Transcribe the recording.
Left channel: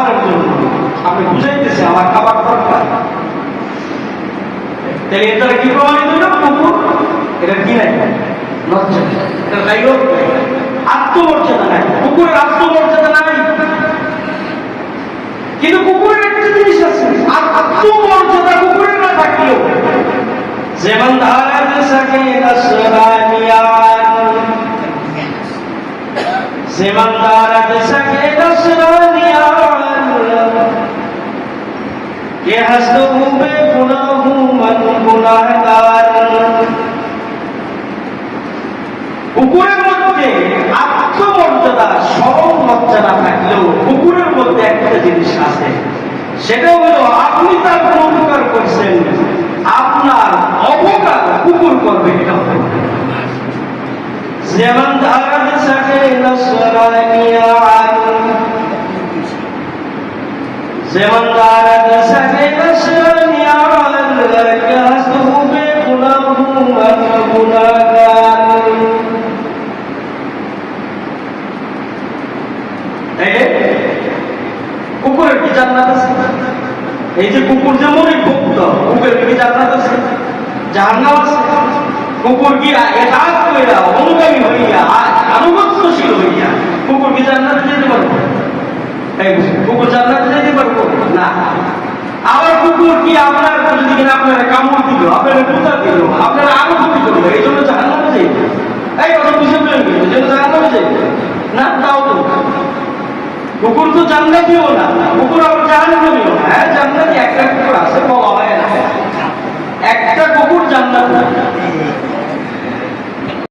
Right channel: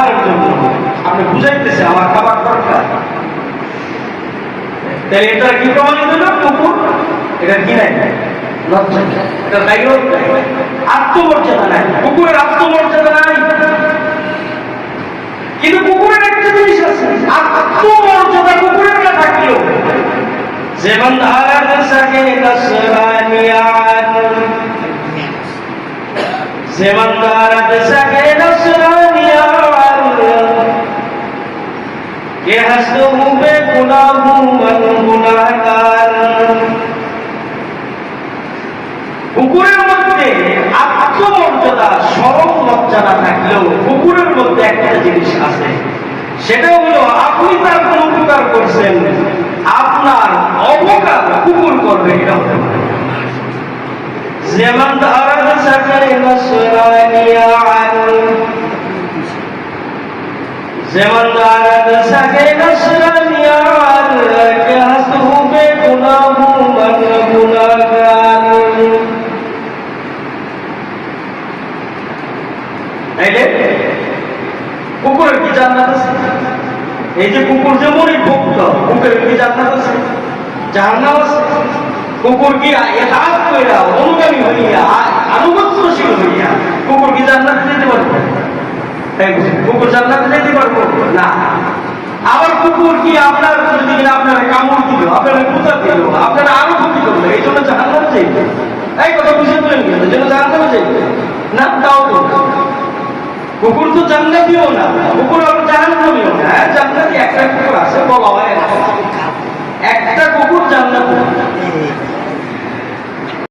খাবারের জন্য, আপনি বুঝাইতেছেন আমার খাবার দরকার, তাহলে এটা কি প্রমাণিত হইল? কুকুর এটা কি নাই, লজ্জা, এটা গাইরত নাই, আত্মমর্যাদা নাই, কুকুরের আত্মমর্যাদা নাই। কিন্তু কুকুরের একটা জিনিস আছে, আত্মমর্যাদা কুকুরের না থাকলেও, যেমন ধারাত সাকে নসরানিয়াত, যেমন ধারাত সাকে নসরানিয়াত, কে হাসতো বে গুনাহু মান গুনাহগার। কুকুরের মধ্যে আত্মমর্যাদা, সরল মর্যাদা থাকলেও কুকুরের মধ্যে একটা জিনিস আছে, সেটা হলো আপনি তার কোন উপকার করছেন, আপনার অপকার কুকুর করবে এটা। যেমন ধারাত সাকে নসরানিয়াত, যেমন ধারাত সাকে নসরানিয়াত, কে হাসতো বে গুনাহু মান গুনাহগার। এই যে কুকুরের কি জান্নাত আছে? এই যে কুকুর যেমনই ভক্ত, কুকুরের কি জান্নাত আছে? জাহান্নাম আছে? কুকুর কি এতাত কইরা, অনুগামী হইয়া, আনুগত্যশীল হইয়া কুকুর কি জান্নাত যেতে পারবে? কুকুর জান্নাত যেতে পারবো না। আবার কুকুর কি আপনার যদি আপনারা কামড় দিল, আপনারা কুতা দিল, আপনারা আরো ক্ষতি করলো, এই জন্য জাহান্নামে যাইব? এই কথা বুঝে পেলেন কিন্তু, যেন জাহান্নামে যাইব না, তাও তো কুকুর তো জান্নাতিও না, কুকুর আবার জাহান্নামীও না। হ্যাঁ, জান্নাতি একটা কুকুর আছে, বলা হয় না, একটা কুকুর জান্নাতি।